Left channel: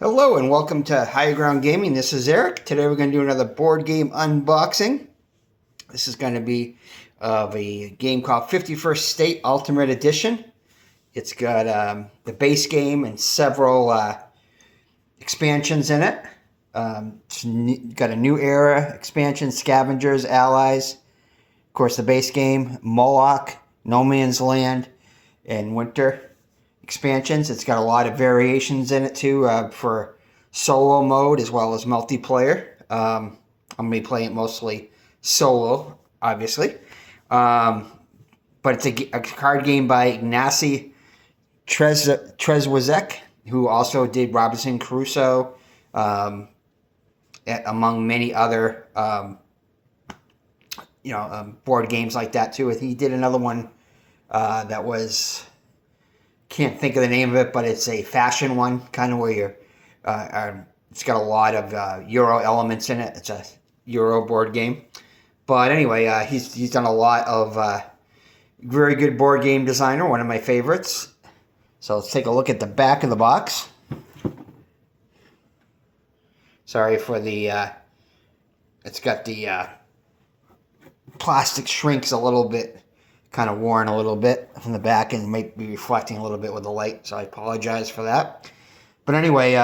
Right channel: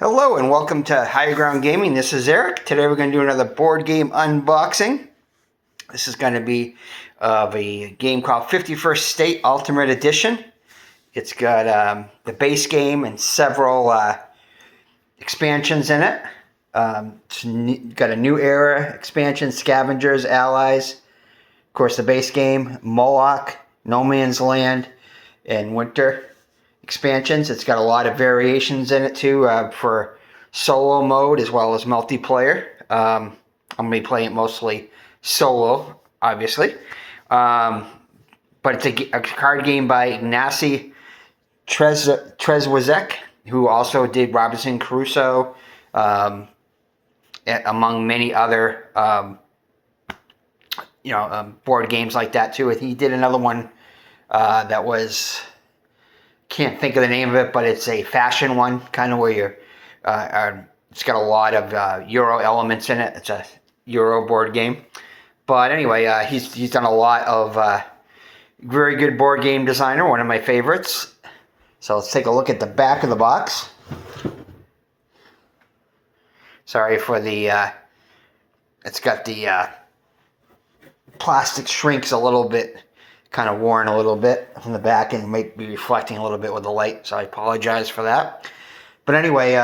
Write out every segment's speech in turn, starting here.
Hello and welcome to Higher Ground Gaming. This is Eric. Today we're going to do another board game unboxing. This is going to be of a game called 51st State Ultimate Edition. It's got the base game and several expansions in it. It's got a New Era expansion, Scavengers, Allies. Of course, the base game, Moloch, No Man's Land, and Winter expansions. It's got a lot of variations in it too for solo mode as well as multiplayer. I'm going to be playing it mostly solo, obviously. But it's a card game by Ignacy Trzewiczek, who also did Robinson Crusoe, among many other board games like that too. He did another one that was, can't think of the name of it, but it's a fashion one, kind of where you're, it's got a lot of Euro elements in it. It's a Euro board game. But anyway, he's done a lot of very good board game designer, one of my favorites. So let's take a look at the back of the box. Sorry for the, it's got the plastic shrinks a little bit, kind of worn a little bit from the back and might be reflecting a little bit with the light, so I apologize for that. But anyway,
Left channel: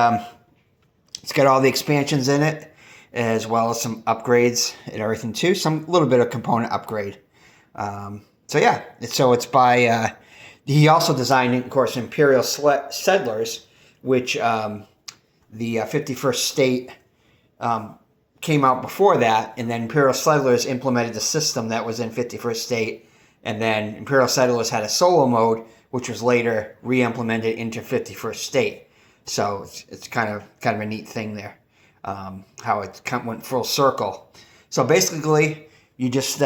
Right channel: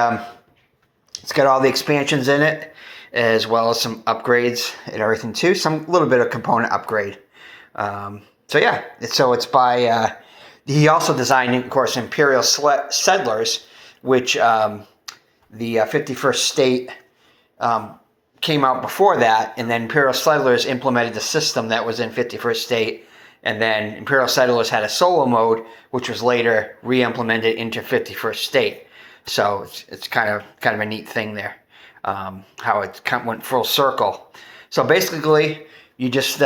it's got all the expansions in it, as well as some upgrades and everything too. Some little bit of component upgrade. So yeah, it's by, he also designed, of course, Imperial Settlers, which the 51st State came out before that, and then Imperial Settlers implemented the system that was in 51st State. And then Imperial Settlers had a solo mode, which was later re-implemented into 51st State. So it's kind of a neat thing there, how it went full circle. So basically, you just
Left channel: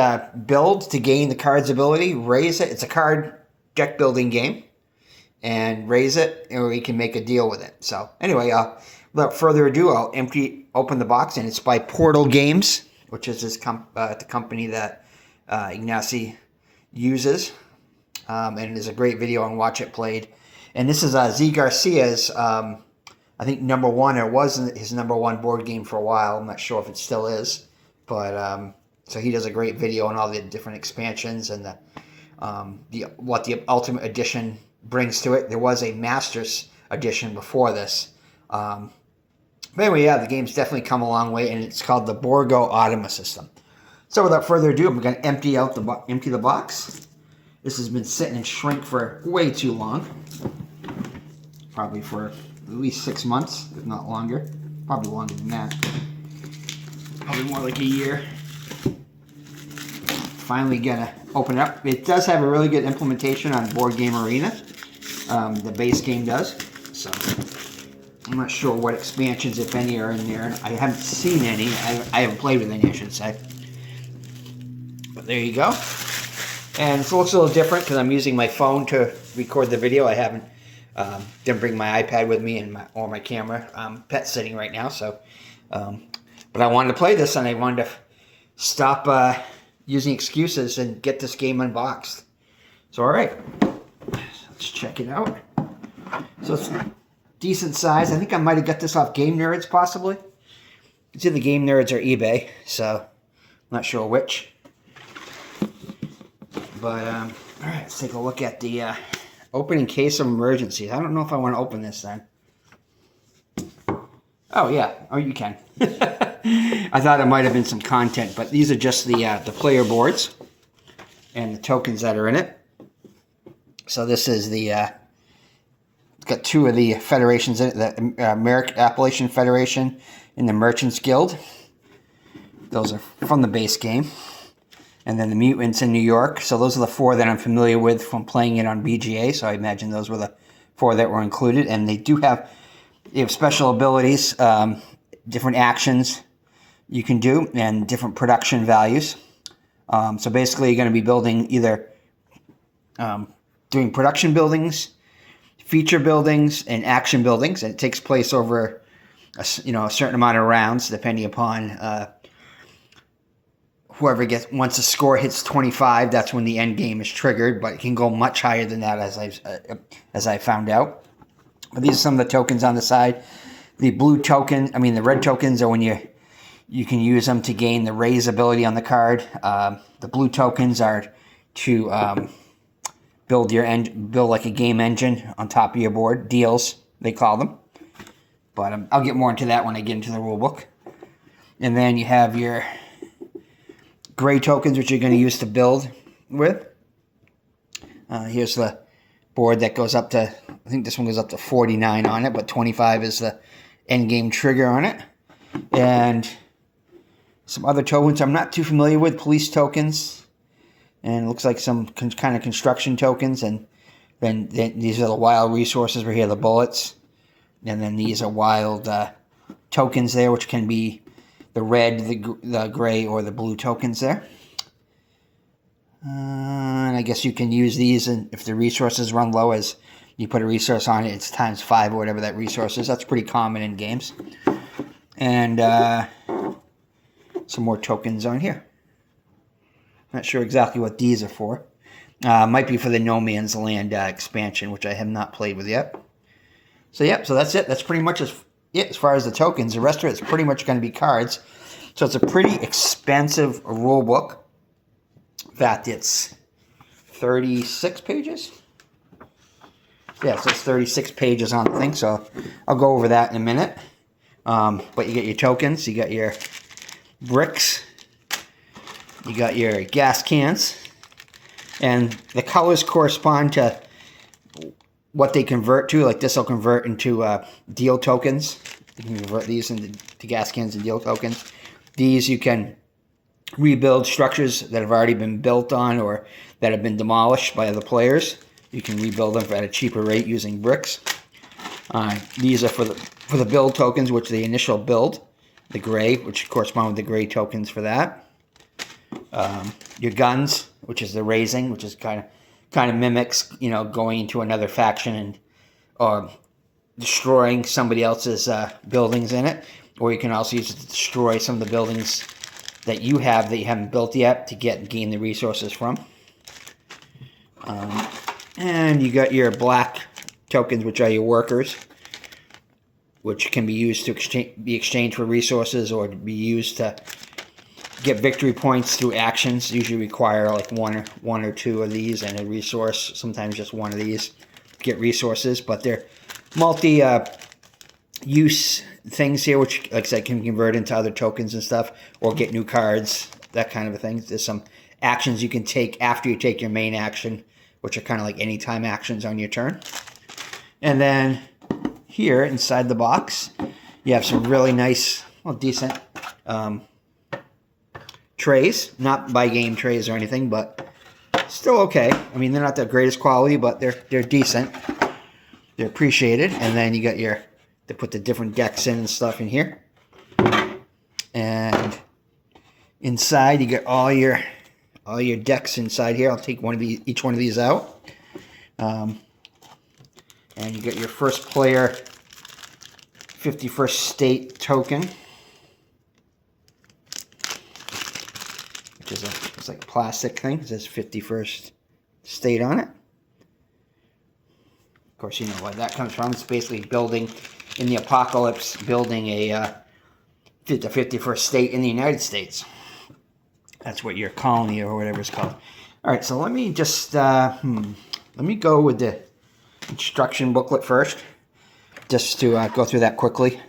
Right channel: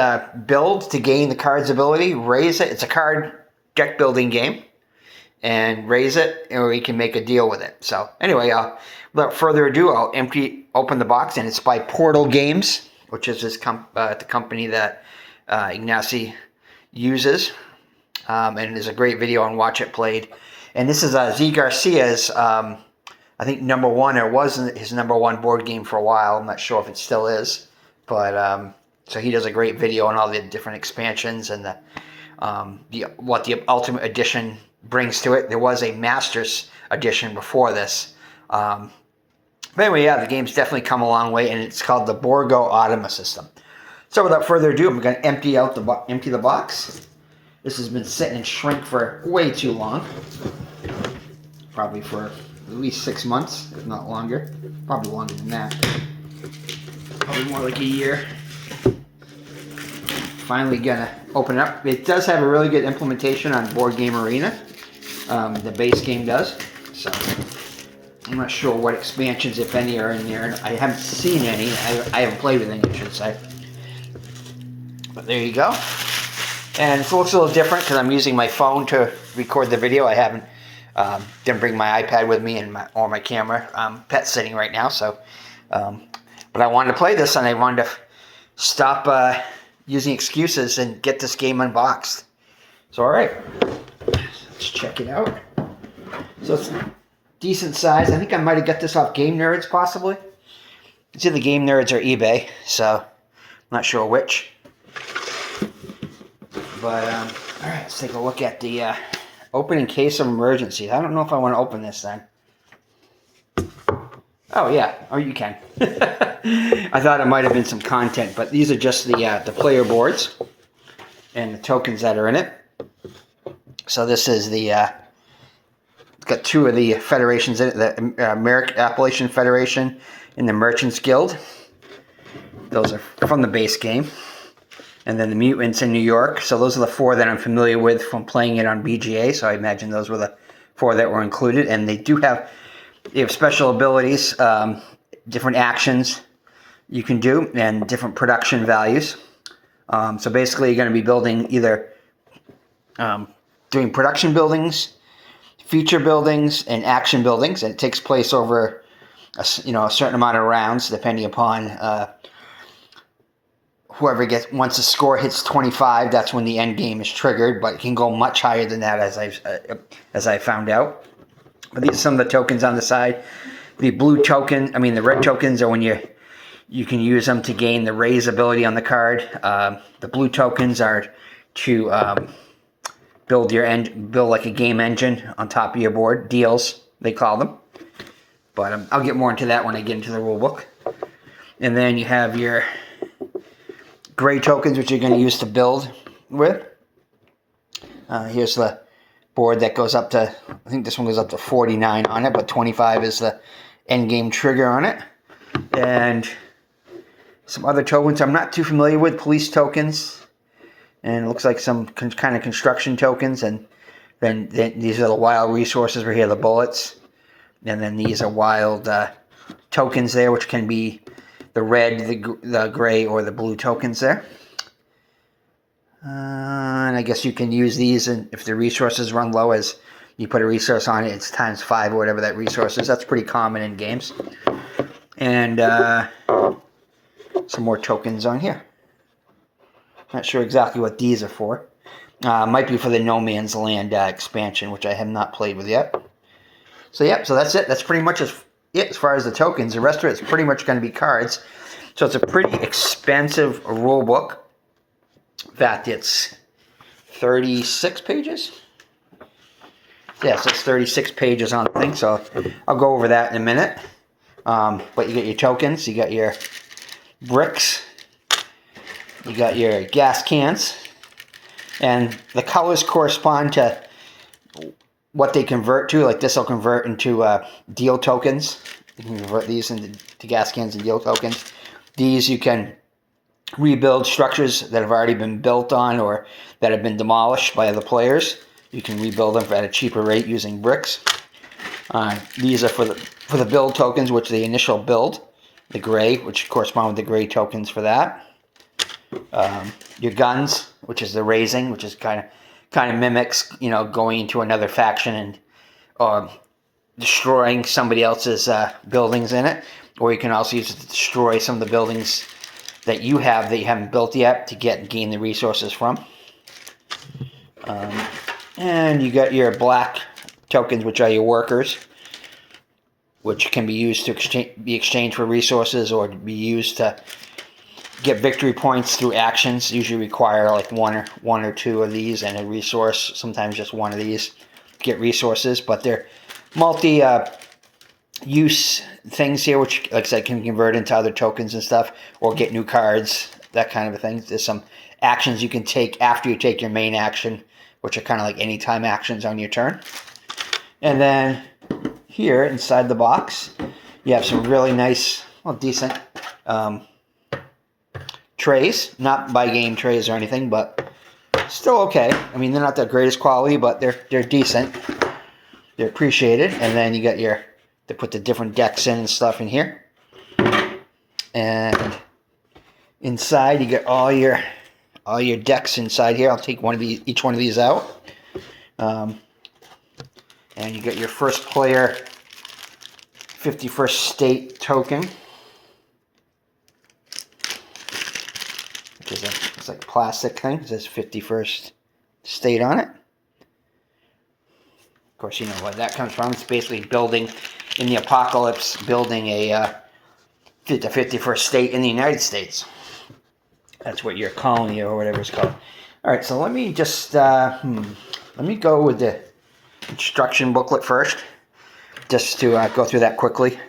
build to gain the card's ability, raise it. It's a card deck building game, and raise it, or you can make a deal with it. So anyway, without further ado, I'll open the box, and it's by Portal Games, which is this the company that Ignacy uses, and there's a great video on Watch It Played. And this is Z Garcia's, I think #1, or was his #1 board game for a while. I'm not sure if it still is, but so he does a great video on all the different expansions and what the Ultimate Edition brings to it. There was a Masters Edition before this. But anyway, yeah, the game's definitely come a long way, and it's called the Borgo Automa system. So without further ado, I'm going to empty the box. This has been sitting in shrink for way too long. Probably for at least 6 months, if not longer. Probably longer than that. Probably more like a year. Finally going to open it up. It does have a really good implementation on Board Game Arena. The base game does. So I'm not sure what expansions, if any, are in there. I haven't seen any. I haven't played with any, I should say. But there you go. And it looks a little different because I'm using my phone to record the video. I haven't, didn't bring my iPad with me or my camera. I'm pet sitting right now, so. But I wanted to play this, and I wanted to stop using excuses and get this game unboxed. So all right, let's check it out. So it's decent size. I think I might have got this off Game Nerds, possibly. It's either Game Nerds or eBay, so I'm not sure which. But, all right, let's take a look at the open in case of emergencies. I don't know if I want to open this then. Oh, yeah. Oh, you can. I thought it might have been some content, but these are just the player boards and the tokens that are in it. So this is it's got 2 of the federations in it, the American Appalachian Federation and the Merchants Guild. Those are from the base game. And then the Mutants in New York. So those are the 4 that I'm familiar with from playing it on BGA. So I imagine those were the 4 that were included. And they have special abilities, different actions you can do, and different production values. So basically you're going to be building either doing production buildings, feature buildings, and action buildings. And it takes place over a certain amount of rounds, depending upon whoever once the score hits 25, that's when the end game is triggered, but it can go much higher than that, as I found out. But these are some of the tokens on the side. The blue token, the red tokens are when you can use them to gain the raise ability on the card. The blue tokens are to build like a game engine on top of your board. Deals, they call them. But I'll get more into that when I get into the rule book. And then you have your gray tokens, which you're going to use to build with. Here's the board that goes up to, I think this one goes up to 49 on it, but 25 is the end game trigger on it. And some other tokens I'm not too familiar with, police tokens. And it looks like some kind of construction tokens. And then these are the wild resources right here, the bullets. And then these are wild tokens there, which can be the red, the gray, or the blue tokens there. And I guess you can use these, and if the resources run low, as you put a resource on it, it's ×5 or whatever that resource is. That's pretty common in games. And some more tokens on here. Not sure exactly what these are for. Might be for the No Man's Land expansion, which I have not played with yet. So yeah, so that's it. That's pretty much it as far as the tokens. The rest of it's pretty much going to be cards. So it's a pretty expensive rule book. In fact, it's 36 pages. Yeah, so it's 36 pages on the thing. So I'll go over that in a minute. But you get your tokens, you got your bricks, you got your gas cans, and the colors correspond to what they convert to. Like this will convert into deal tokens. You can convert these into gas cans and deal tokens. These you can rebuild structures that have already been built on or that have been demolished by other players. You can rebuild them at a cheaper rate using bricks. These are for the build tokens, which are the initial build. The gray, which correspond with the gray tokens for that. Your guns, which is the raising, which is kind of mimics, going into another faction and destroying somebody else's buildings in it. Or you can also use it to destroy some of the buildings that you haven't built yet to gain the resources from. And you got your black tokens, which are your workers, which can be used to be exchanged for resources or to be used to get victory points through actions. Usually require like one or two of these and a resource. Sometimes just one of these to get resources, but they're multi-use things here, which, like I said, can convert into other tokens and stuff, or get new cards, that kind of a thing. There's some actions you can take after you take your main action, which are kind of like anytime actions on your turn. And then here inside the box, you have some really nice, decent trays. Not by game trays or anything, but still okay. They're not the greatest quality, but they're decent. They're appreciated. And then you got they put the different decks in and stuff in here. And inside you get all your decks inside here. I'll take each one of these out. And you get your first player 51st state token. It's like a plastic thing. It says 51st state on it. Of course, you know where that comes from. It's basically building in the apocalypse, building the 51st state in the United States. That's what your colony or whatever it's called. All right, so let me just let me go with the instruction booklet first, just to go through that quickly.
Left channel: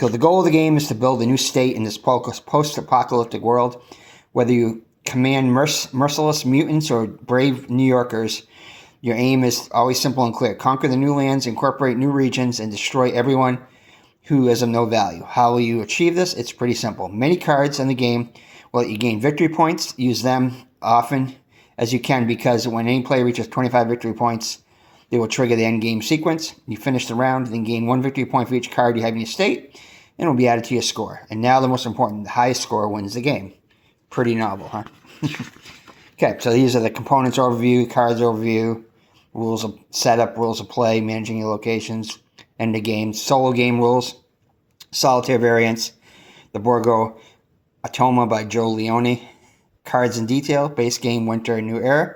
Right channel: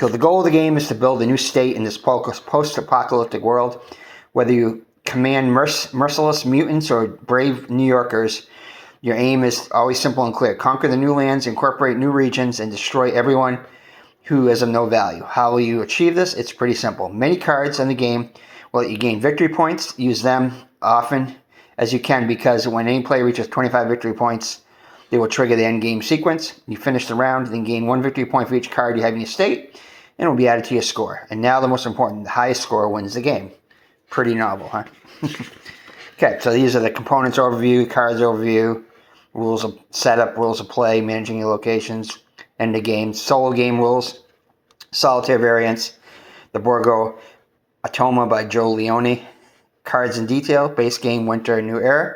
So the goal of the game is to build a new state in this post-apocalyptic world. Whether you command merciless mutants or brave New Yorkers, your aim is always simple and clear. Conquer the new lands, incorporate new regions, and destroy everyone who is of no value. How will you achieve this? It's pretty simple. Many cards in the game will let you gain victory points. Use them often as you can, because when any player reaches 25 victory points, they will trigger the end game sequence. You finish the round, then gain 1 victory point for each card you have in your state, and it will be added to your score. And now the most important, the highest score wins the game. Pretty novel, huh? Okay, so these are the components overview, cards overview, rules of setup, rules of play, managing your locations, end of game, solo game rules, solitaire variants, the Borgo Atoma by Joe Leone, cards in detail, base game, winter, new era,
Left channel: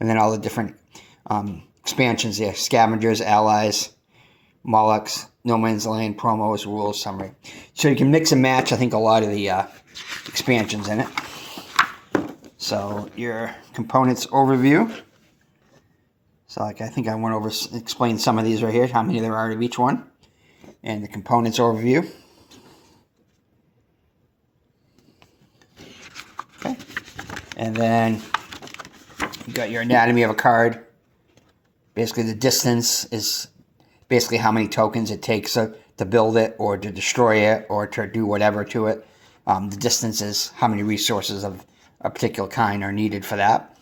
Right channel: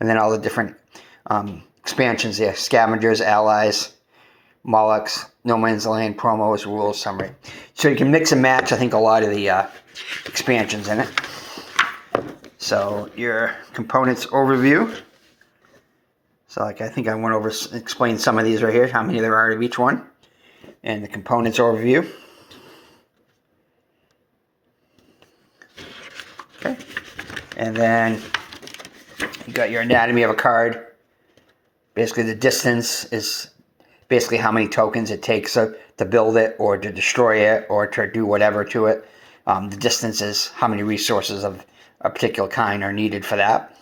and then all the different expansions there, scavengers, allies, Moloch's, No Man's Land, promos, rules, summary. So you can mix and match, I think, a lot of the expansions in it. So your components overview. So like I think I went over, explained some of these right here, how many there are of each one. And the components overview. Okay. And then you got your anatomy of a card. Basically the distance is basically how many tokens it takes to build it or to destroy it or to do whatever to it. The distance is how many resources of a particular kind are needed for that.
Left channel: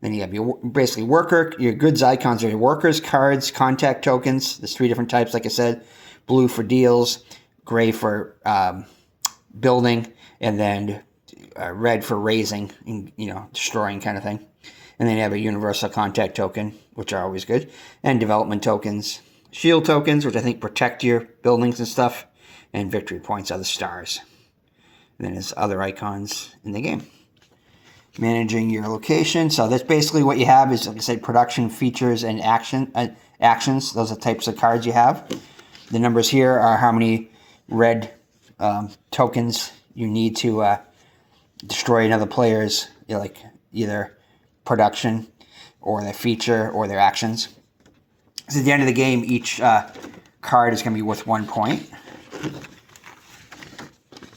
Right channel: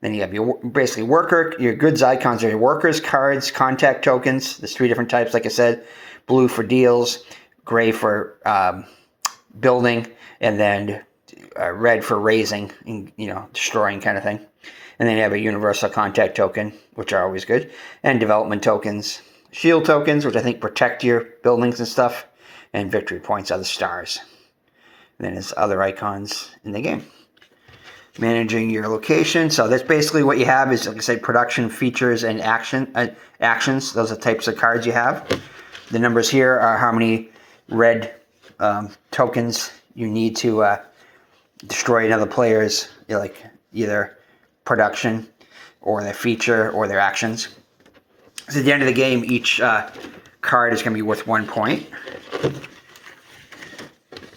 Then you have your basically worker, your goods icons are your workers, cards, contact tokens. There's 3 different types, like I said. Blue for deals, gray for building, and then red for raising, destroying kind of thing. And then you have a universal contact token, which are always good. And development tokens. Shield tokens, which I think protect your buildings and stuff. And victory points are the stars. And then there's other icons in the game. Managing your location. So that's basically what you have is, like I said, production, features, and actions. Those are the types of cards you have. The numbers here are how many red tokens you need to destroy another player's, like either production or their feature or their actions. So at the end of the game, each card is going to be worth 1 point.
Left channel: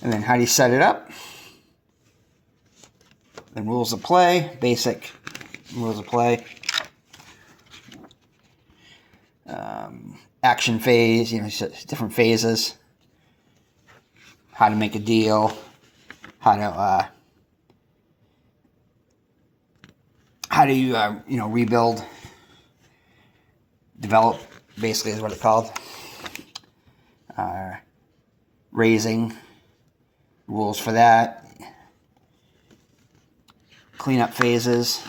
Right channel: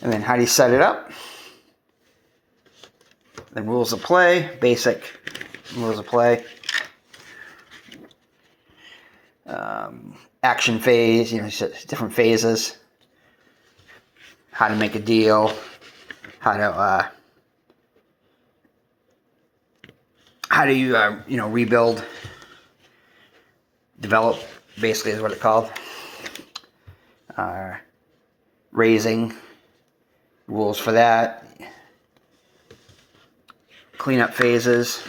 And then how do you set it up? Then rules of play, basic rules of play. Action phase, different phases. How to make a deal. How do you rebuild, develop, basically is what it's called. Raising, rules for that. Cleanup phases,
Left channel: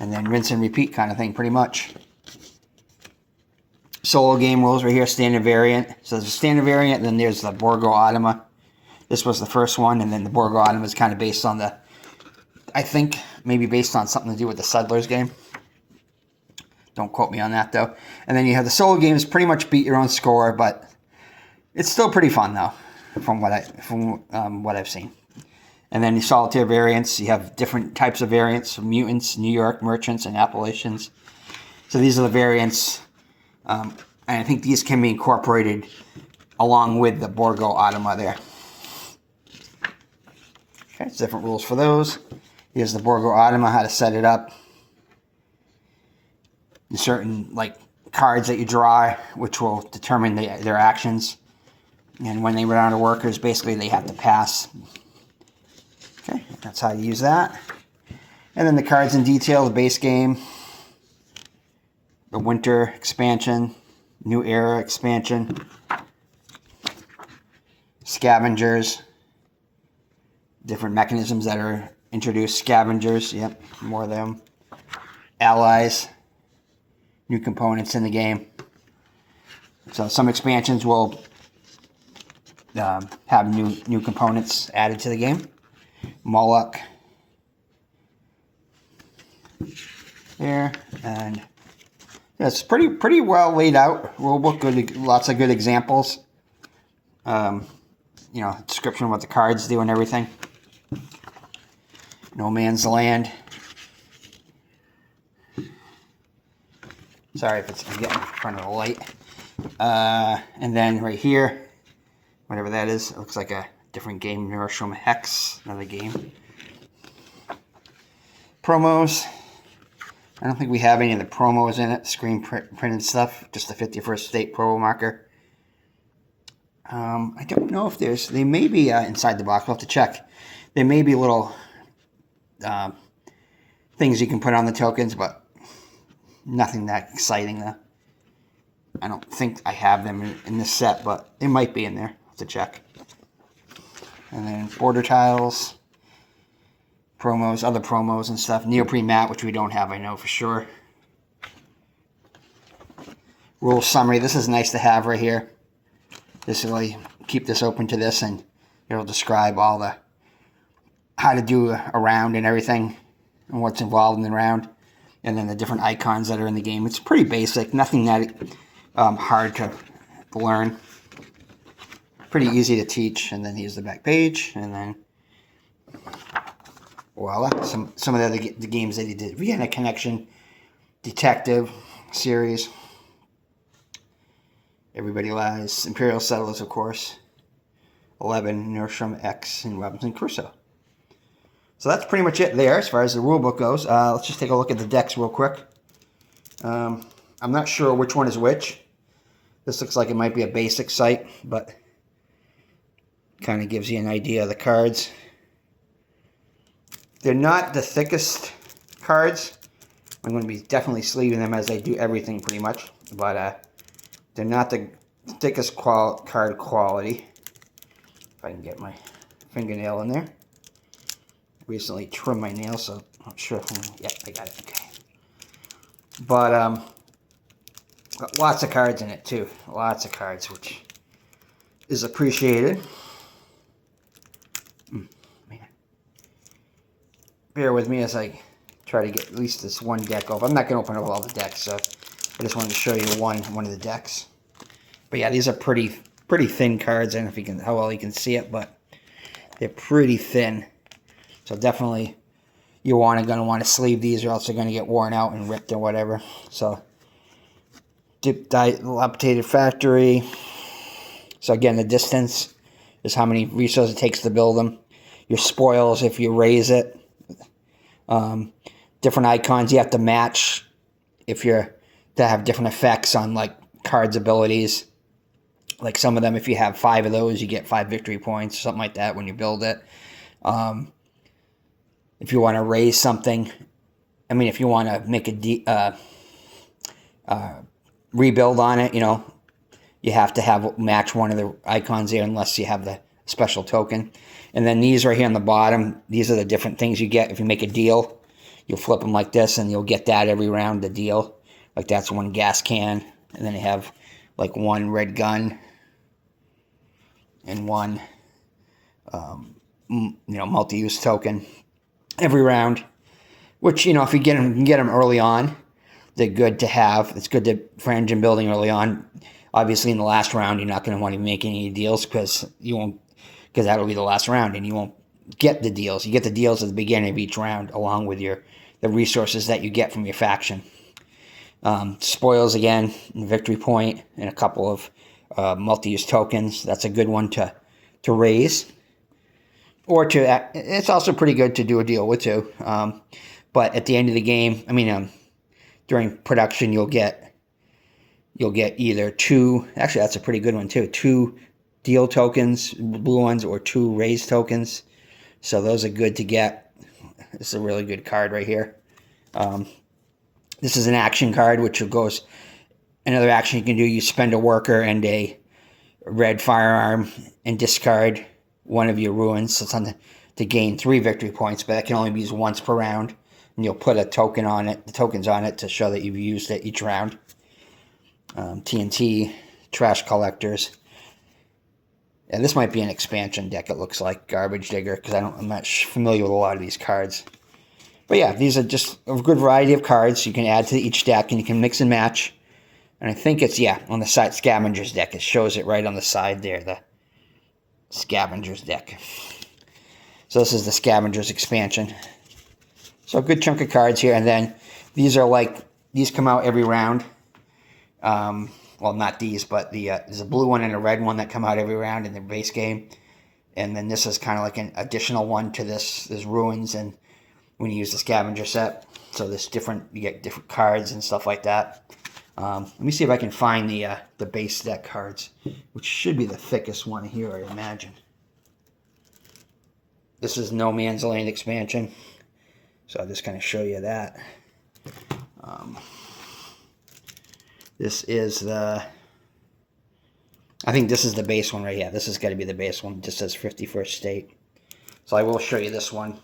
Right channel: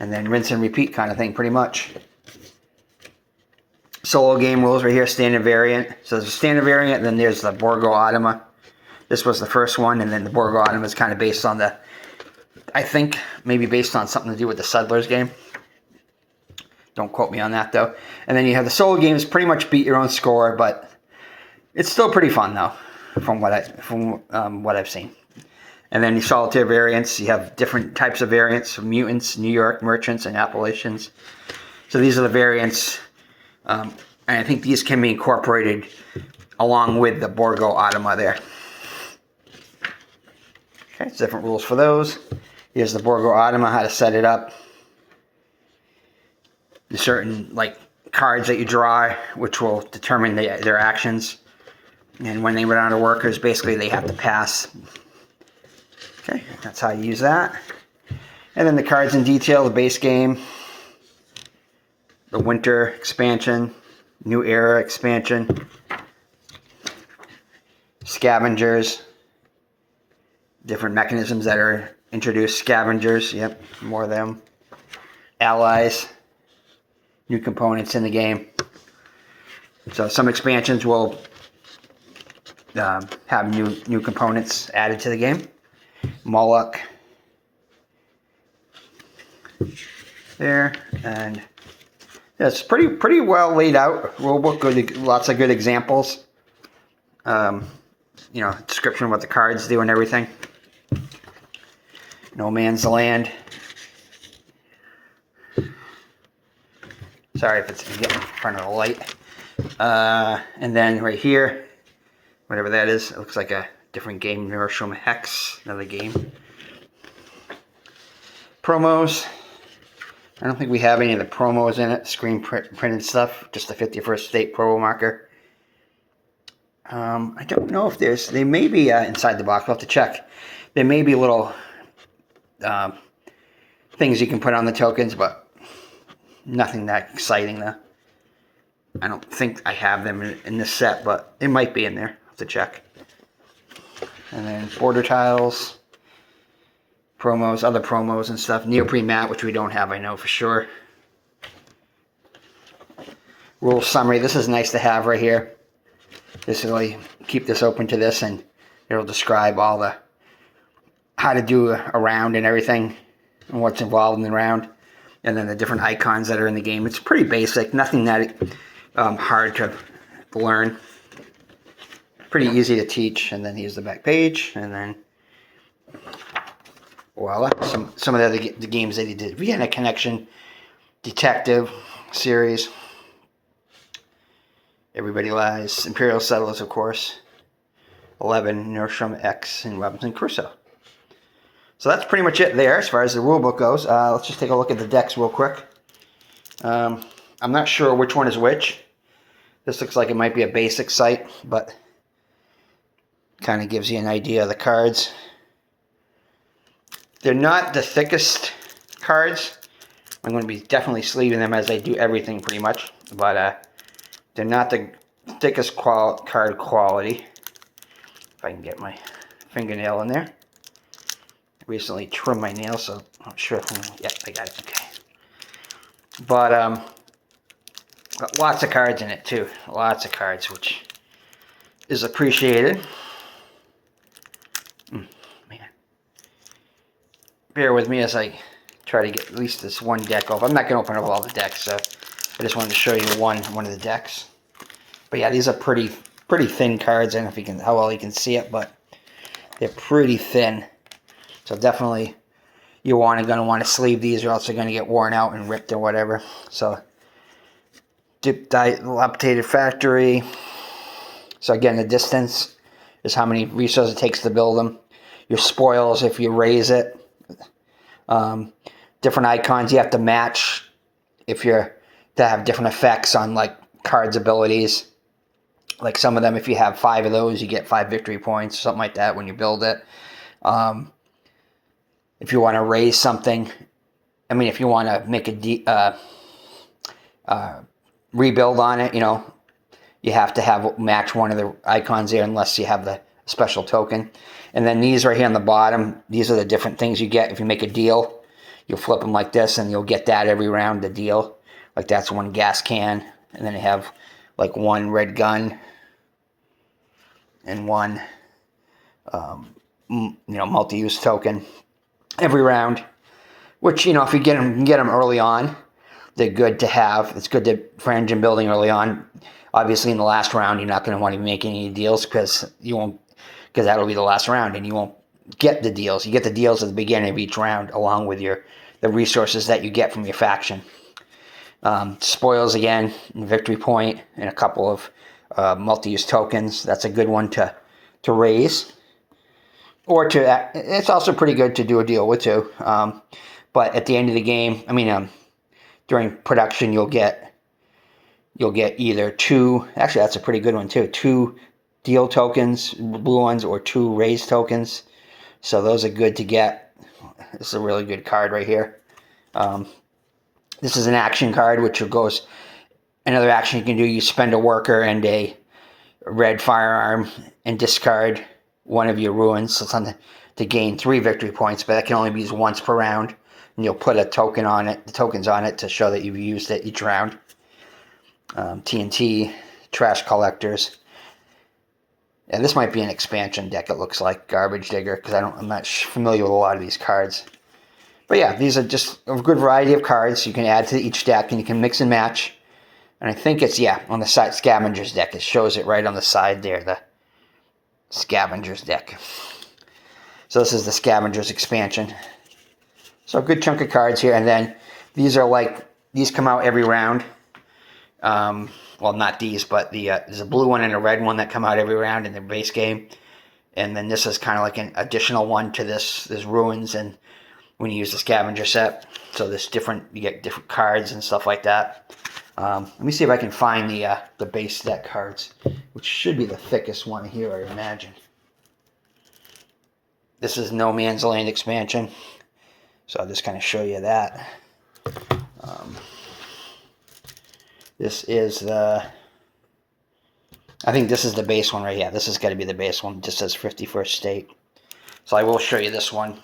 and then rinse and repeat kind of thing, pretty much. Solo game rules right here, standard variant. So there's a standard variant, then there's the Borgo Automa. This was the first one, and then the Borgo Automa is kind of based on the, I think, maybe based on something to do with the Settlers game. Don't quote me on that, though. And then you have the solo games, pretty much beat your own score, but it's still pretty fun, though, from what I've seen. And then the solitaire variants, you have different types of variants, mutants, New York, merchants, and Appalachians. So these are the variants, and I think these can be incorporated along with the Borgo Automa there. Okay, it's different rules for those. Here's the Borgo Automa, how to set it up. There's certain cards that you draw, which will determine their actions. And when they run out of workers, basically they have to pass. Okay, that's how you use that. And then the cards in detail, the base game, the winter expansion, new era expansion, scavengers, different mechanisms that are introduced, scavengers, yep, more of them, allies, new components in the game. So some expansions will have new components added to the game. Moloch there, and it's pretty well laid out. Rulebook, good, lots of good examples. Description of what the cards do and everything. No Man's Land. Sorry if I'm getting in front of the light. And then right here, whatever that is, it looks like a different game. Neuroshum Hex, another game. Promos. I don't think we have any of the promos in it. Screen printed stuff. Just the 51st State promo marker. I don't know if they may be inside the box. We'll have to check. There may be little things you can put on the tokens, but nothing that exciting though. I don't think I have them in this set, but it might be in there. I'll have to check. And then border tiles, promos, other promos and stuff. Neoprene mat, which we don't have, I know for sure. Rule summary. This is nice to have right here. This will keep this open to this, and it'll describe all the how to do a round and everything, and what's involved in the round, and then the different icons that are in the game. It's pretty basic. Nothing that hard to learn. Pretty easy to teach. And then here's the back page, and then voila, some of the games that he did. Vienna Connection, Detective series, Everybody Lies, Imperial Settlers, of course, 11, Nordstrom X, and Robinson Crusoe. So that's pretty much it there as far as the rulebook goes. Let's just take a look at the decks real quick. I'm not sure which one is which. This looks like it might be a basic site, but kind of gives you an idea of the cards. They're not the thickest cards. I'm going to be definitely sleeving them as I do everything pretty much, but they're not the thickest card quality. If I can get my fingernail in there. I recently trimmed my nails, so I'm not sure if yeah, I got it. Okay. But lots of cards in it too. Lots of cards, which is appreciated. Man. Bear with me as I try to get at least this one deck off. I'm not going to open up all the decks, so I just wanted to show you one of the decks. But yeah, these are pretty thin cards. I don't know if you can, how well you can see it, but they're pretty thin. So definitely you're going to want to sleeve these, or else they're going to get worn out and ripped or whatever. So dilapidated factory. So again, the distance is how many resources it takes to build them. Your spoils if you raise it. Different icons you have to match if you're to have different effects on like cards' abilities. Like some of them, if you have 5 of those, you get 5 victory points, something like that when you build it. If you want to raise something, I mean, if you want to make a rebuild on it, you know, you have to have match one of the icons there unless you have the special token. And then these right here on the bottom, these are the different things you get if you make a deal. You'll flip them like this, and you'll get that every round, the deal. Like that's one gas can, and then you have like one red gun and one, you know, multi-use token every round. Which, you know, if you get them, you can get them early on. They're good to have. It's good for engine building early on. Obviously, in the last round, you're not going to want to make any deals because that'll be the last round, and you won't get the deals. You get the deals at the beginning of each round, along with the resources that you get from your faction. Spoils again, victory point, and a couple of multi-use tokens. That's a good one to raise, or it's also pretty good to do a deal with too. But at the end of the game, I mean, during production, you'll get either 2. Actually, that's a pretty good one too. 2 deal tokens, blue ones, or 2 raise tokens. So those are good to get. This is a really good card right here. This is an action card, which goes, another action you can do, you spend a worker and a red firearm and discard one of your ruins, so something to gain 3 victory points, but that can only be used once per round. And you'll put a token on it, the tokens on it, to show that you've used it each round. TNT, trash collectors. And this might be an expansion deck, it looks like. Garbage digger, because I'm not familiar with a lot of these cards. But yeah, these are just a good variety of cards you can add to each deck, and you can mix and match. And I think it's, yeah, on the side, Scavenger's deck. It shows it right on the side there, the Scavenger's deck. So this is the Scavenger's expansion. So a good chunk of cards here. And then these are like, these come out every round. Well, not these, but there's a blue one and a red one that come out every round in the base game. And then this is kind of like an additional one to this. There's ruins and when you use the scavenger set. So there's you get different cards and stuff like that. Let me see if I can find the base deck cards, which should be the thickest one here, I imagine. This is No Man's Land expansion. So I'll just kind of show you that. This is I think this is the base one right here. This has got to be the base one. It just says 51st State. So I will show you this one.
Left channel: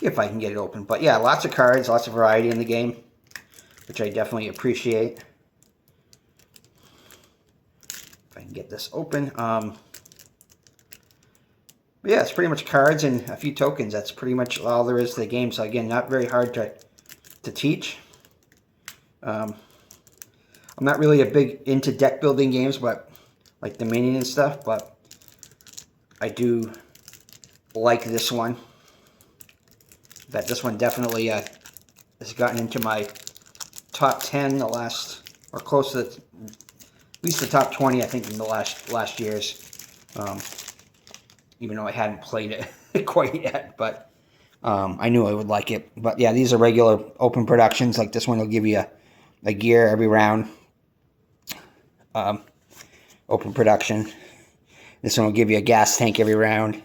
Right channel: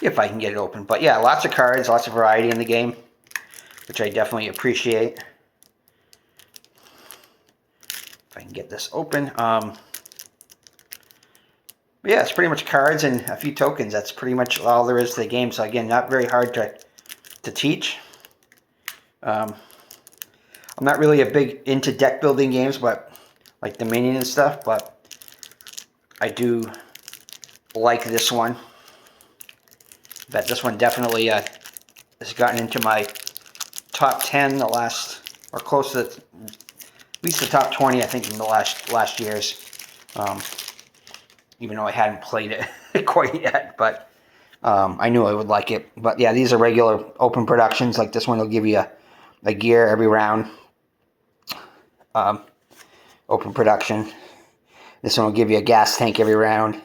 If I can get it open. But yeah, lots of cards, lots of variety in the game, which I definitely appreciate. If I can get this open. Yeah, it's pretty much cards and a few tokens. That's pretty much all there is to the game. So again, not very hard to teach. I'm not really a big into deck building games, but like Dominion and stuff, but I do like this one. But this one definitely has gotten into my top 10 the last, or close to at least the top 20, I think, in the last years. Even though I hadn't played it quite yet, but I knew I would like it. But yeah, these are regular open productions. Like this one will give you a gear every round. Open production. This one will give you a gas tank every round.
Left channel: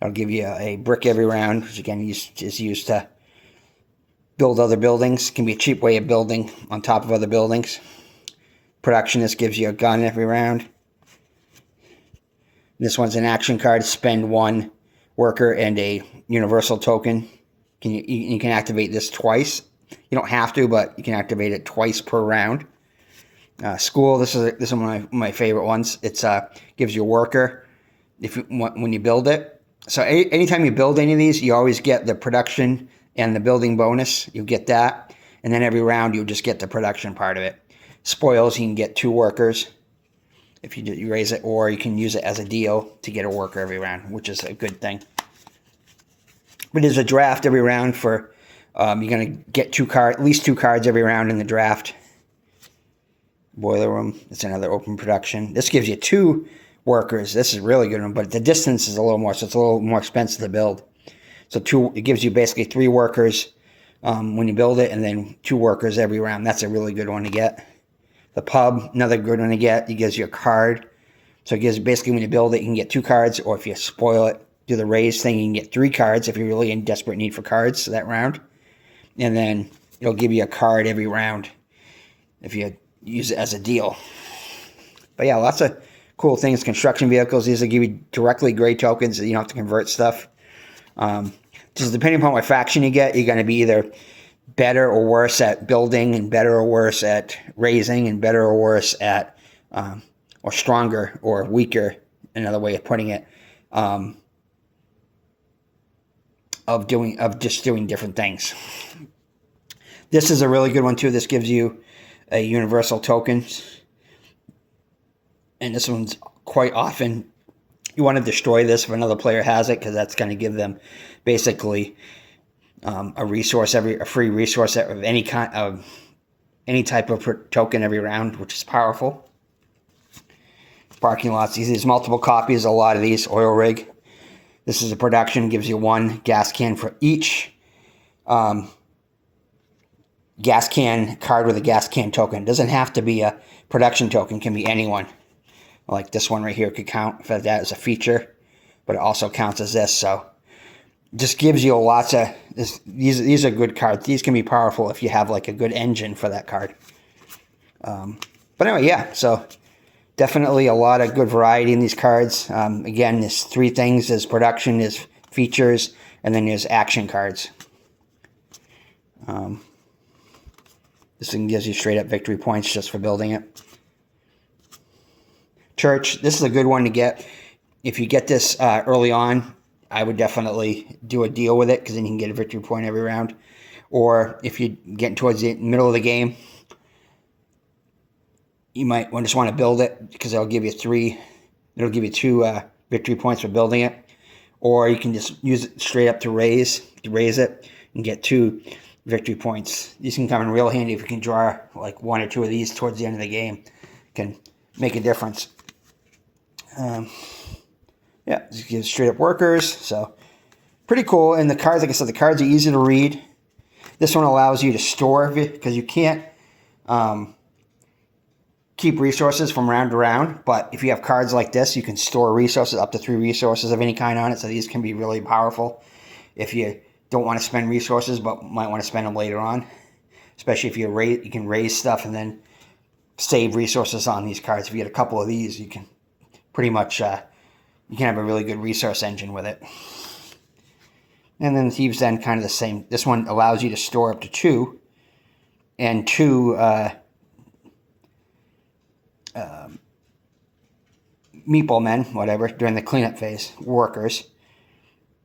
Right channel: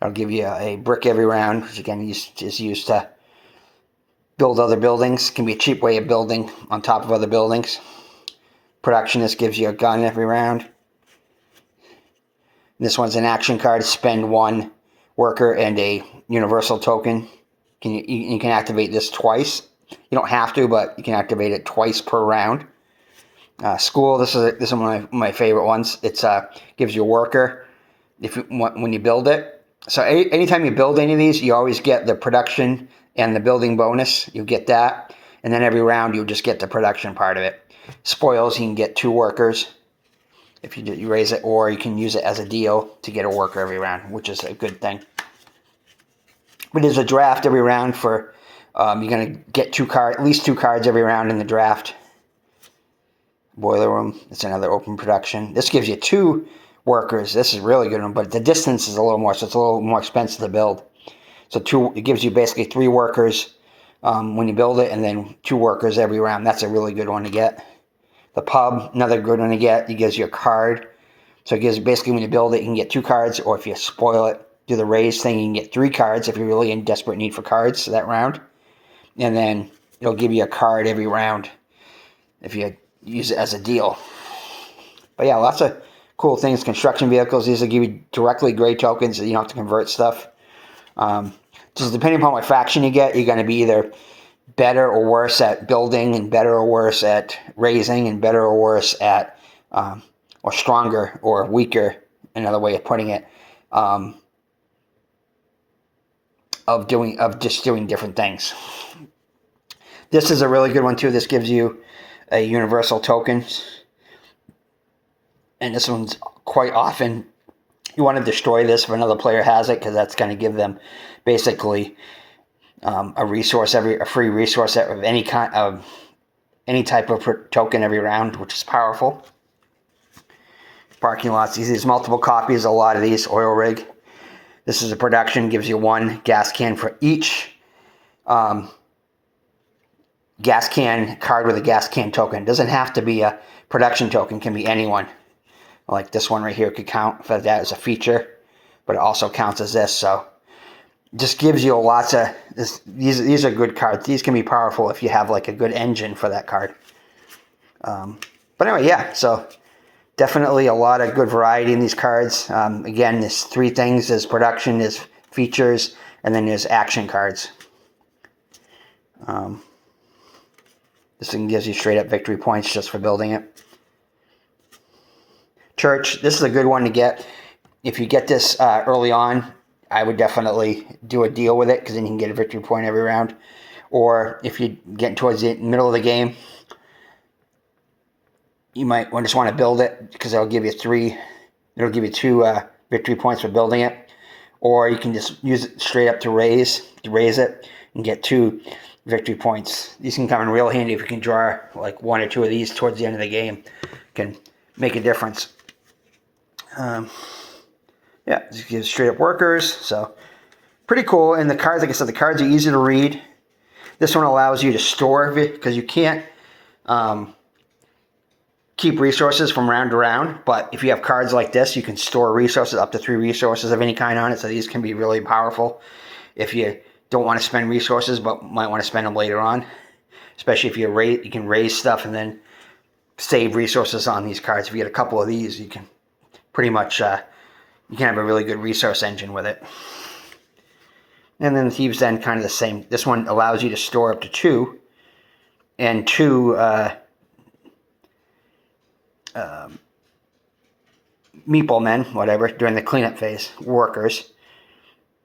It'll give you a brick every round, which again is used to build other buildings. Can be a cheap way of building on top of other buildings. Production, this gives you a gun every round. This one's an action card. Spend 1 worker and a universal token. You can activate this twice. You don't have to, but you can activate it twice per round. School, this is one of my favorite ones. It's gives you a worker when you build it. So anytime you build any of these, you always get the production and the building bonus. You get that, and then every round you'll just get the production part of it. Spoils, you can get 2 workers if you raise it, or you can use it as a deal to get a worker every round, which is a good thing. But there's a draft every round for you're gonna get at least 2 cards every round in the draft. Boiler room, it's another open production. This gives you 2 workers. This is a really good one, but the distance is a little more, so it's a little more expensive to build. So it gives you basically 3 workers when you build it, and then 2 workers every round. That's a really good one to get. The pub, another good one to get. It gives you a card. So it gives basically when you build it, you can get 2 cards, or if you spoil it, do the raise thing, you can get 3 cards if you're really in desperate need for cards that round. And then it'll give you a card every round if you use it as a deal. But yeah, lots of cool things. Construction vehicles, these will give you directly grade tokens, so you don't have to convert stuff. Just depending upon what faction you get, you're going to be either better or worse at building, and better or worse at raising, and better or worse at, or stronger or weaker, another way of putting it, of just doing different things. This is a really good one too. This gives you a universal token, and this one's quite often you want to destroy this if another player has it, because that's going to give them basically a free resource of any kind of any type of token every round, which is powerful. Parking lots, there's multiple copies, a lot of these. Oil rig, this is a production, gives you 1 gas can for each gas can card with a gas can token. It doesn't have to be a production token, can be anyone. Like this one right here could count for that as a feature, but it also counts as this. So just gives you lots of these are good cards. These can be powerful if you have like a good engine for that card. But anyway, yeah, so definitely a lot of good variety in these cards. Again, there's 3 things: there's production, there's features, and then there's action cards. This one gives you straight up victory points just for building it. Church, this is a good one to get. If you get this early on, I would definitely do a deal with it, because then you can get a victory point every round. Or if you're getting towards the middle of the game, you might just want to build it, because it'll give you 2 victory points for building it. Or you can just use it straight up to raise it and get 2 victory points. These can come in real handy if you can draw like 1 or 2 of these towards the end of the game. Can make a difference. Yeah, just gives straight up workers, so pretty cool. And the cards, like I said, the cards are easy to read. This one allows you to store it, because you can't keep resources from round to round, but if you have cards like this, you can store resources, up to 3 resources of any kind on it. So these can be really powerful if you don't want to spend resources but might want to spend them later on, especially if you can raise stuff and then save resources on these cards. If you get a couple of these, you can pretty much you can have a really good resource engine with it. And then the Thieves' Den, kind of the same. This one allows you to store up to 2, and 2 meatball men, whatever, during the cleanup phase, workers.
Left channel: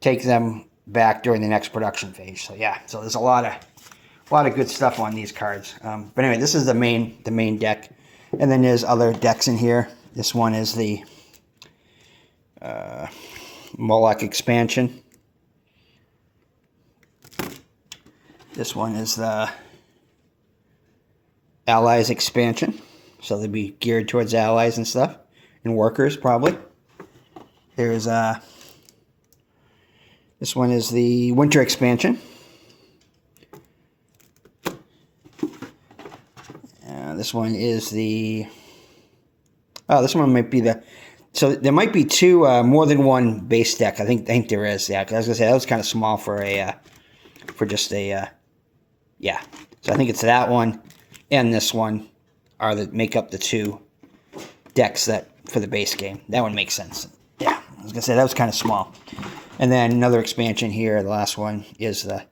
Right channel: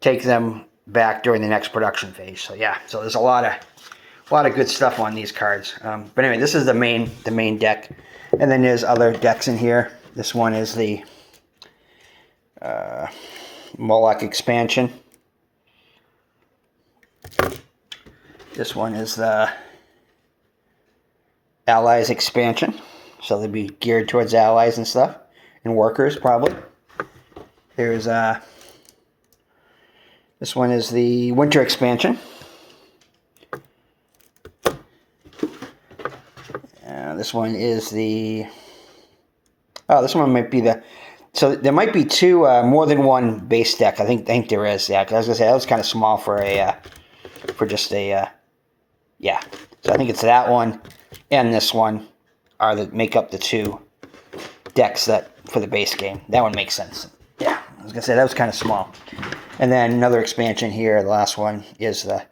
Take them back during the next production phase. So yeah, so there's a lot of A lot of good stuff on these cards. But anyway, this is the main deck. And then there's other decks in here. This one is the Moloch expansion. This one is the Allies expansion. So they'd be geared towards allies and stuff. And workers, probably. There's this one is the Winter expansion. This one is the... Oh, this one might be the... So there might be two, more than one base deck. I think there is. Yeah, 'cause I was gonna say that was kind of small for a, for just a, yeah. So I think it's that one and this one are the make up the two decks that for the base game. That one makes sense. Yeah, I was gonna say that was kind of small. And then another expansion here. The last one is the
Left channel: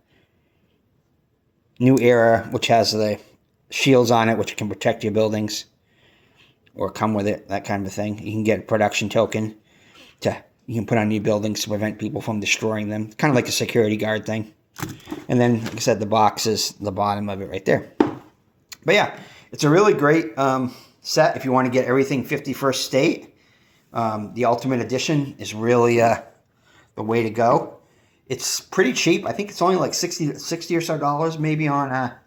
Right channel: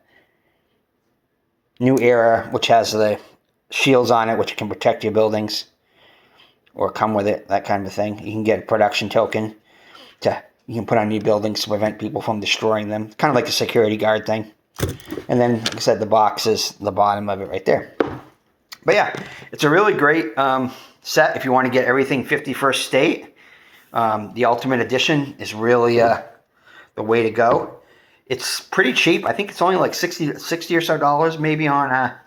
New Era, which has the shields on it, which can protect your buildings or come with it, that kind of thing. You can get a production token you can put on your buildings to prevent people from destroying them. Kind of like a security guard thing. And then, like I said, the box is the bottom of it right there. But yeah, it's a really great set if you want to get everything 51st State. The Ultimate Edition is really the way to go. It's pretty cheap. I think it's only like 60 or so dollars maybe on a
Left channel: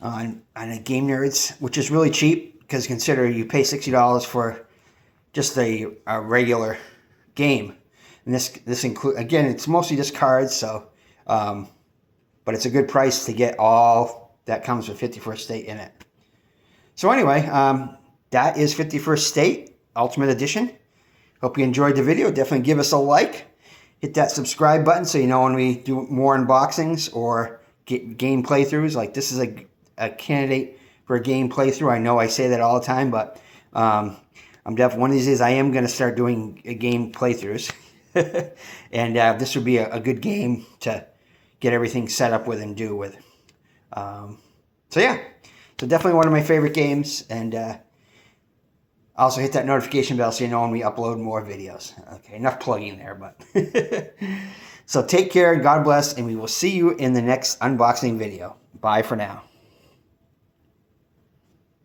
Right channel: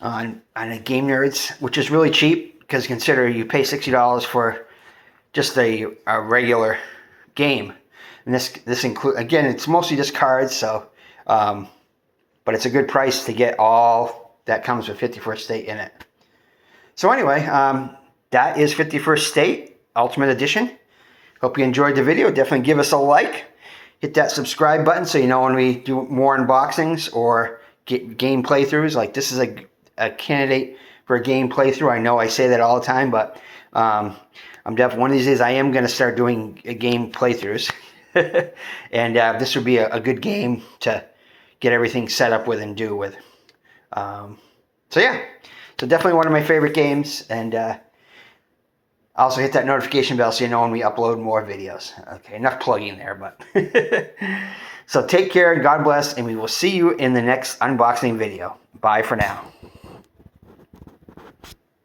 Game Nerds, which is really cheap because consider you pay $60 for just a regular game. And this include, again, it's mostly just cards, so but it's a good price to get all that comes with 51st State in it. So anyway, that is 51st State Ultimate Edition. Hope you enjoyed the video. Definitely give us a like. Hit that subscribe button so you know when we do more unboxings or get game playthroughs. Like this is a candidate for a game playthrough. I know I say that all the time, but I'm definitely one of these days I am going to start doing game playthroughs. And this would be a good game to get everything set up with and do with. So yeah, so definitely one of my favorite games. And also hit that notification bell so you know when we upload more videos. Okay, enough plugging there, but so take care and God bless, and we will see you in the next unboxing video. Bye for now.